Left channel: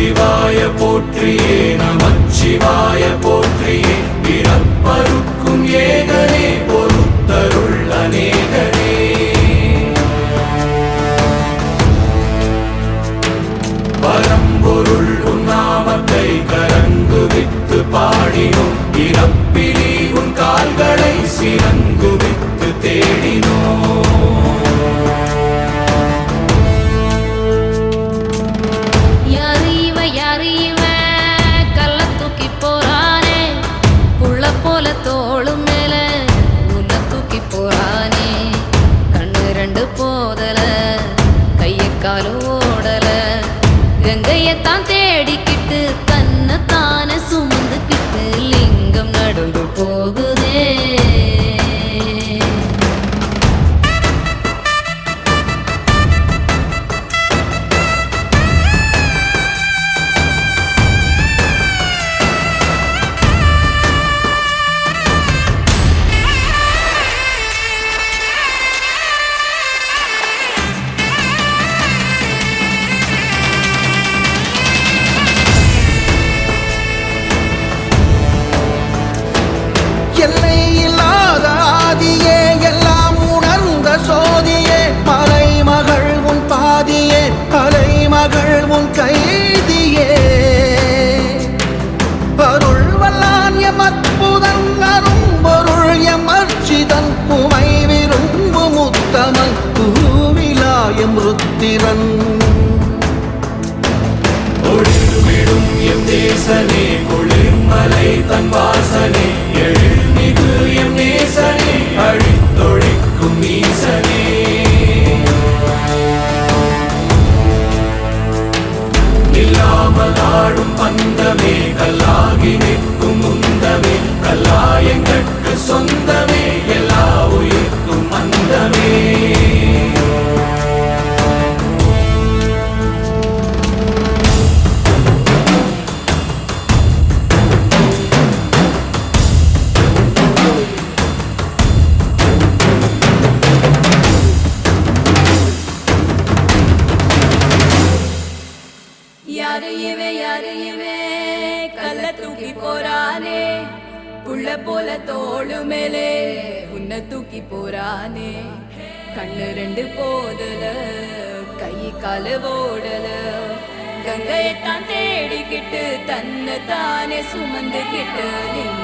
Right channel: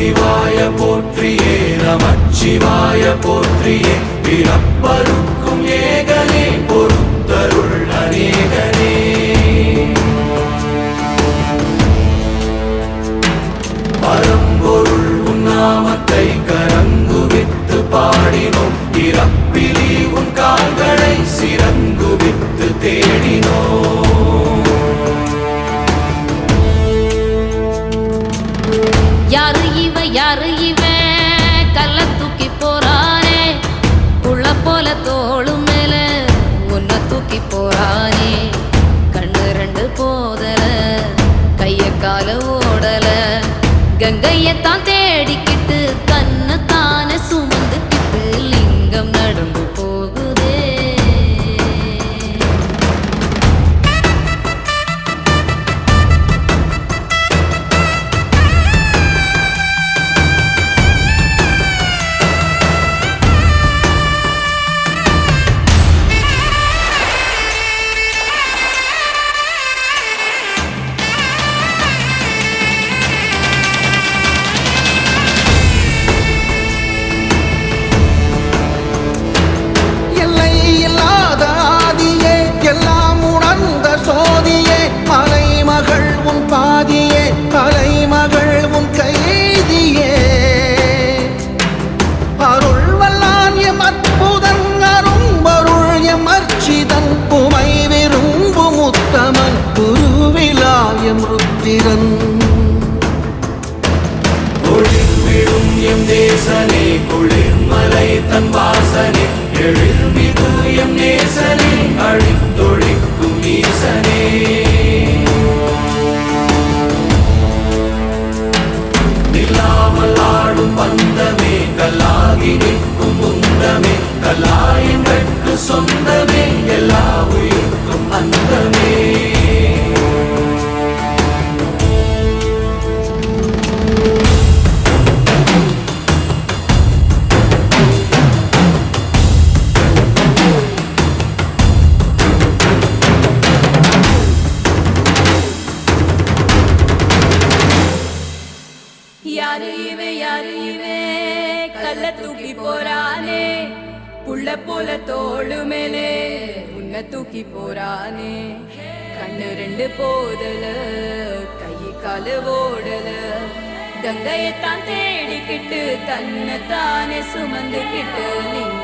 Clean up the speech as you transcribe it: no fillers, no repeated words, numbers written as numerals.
சிவாய போற்றியே நமச்சிவாய போற்றியே பிறப்பருக்கும் ஏகனே பொறுத்தருள் அநேகனே பரம்பொருள் உன்னாமத்தை கரங்குவித்து பாடினோம் இறப்பிலி உன் கால்களை சிறங்குவித்து தேடினோம் தேசனே குளிர்மலை தன் வாசனே எழுமிகு எம் நேசனே அழித்தொழிக்கும் ஈசனே இல்லாமல் ஆடும் பந்தமே கல்லாகி நிற்கும் முந்தமே கல்லாயங்கட்கு சொந்தமே எல்லா உயிர்க்கும் அந்தமே தூக்கி போறானே புள்ள போல தோளு மேலே உன்னை தூக்கி போறானே கண்ணு ரெண்டு போதல கை கால ஓடல கங்கையத்தான் தேடிக்கிட்டு தன்னை தானே சுமந்துக்கிட்டு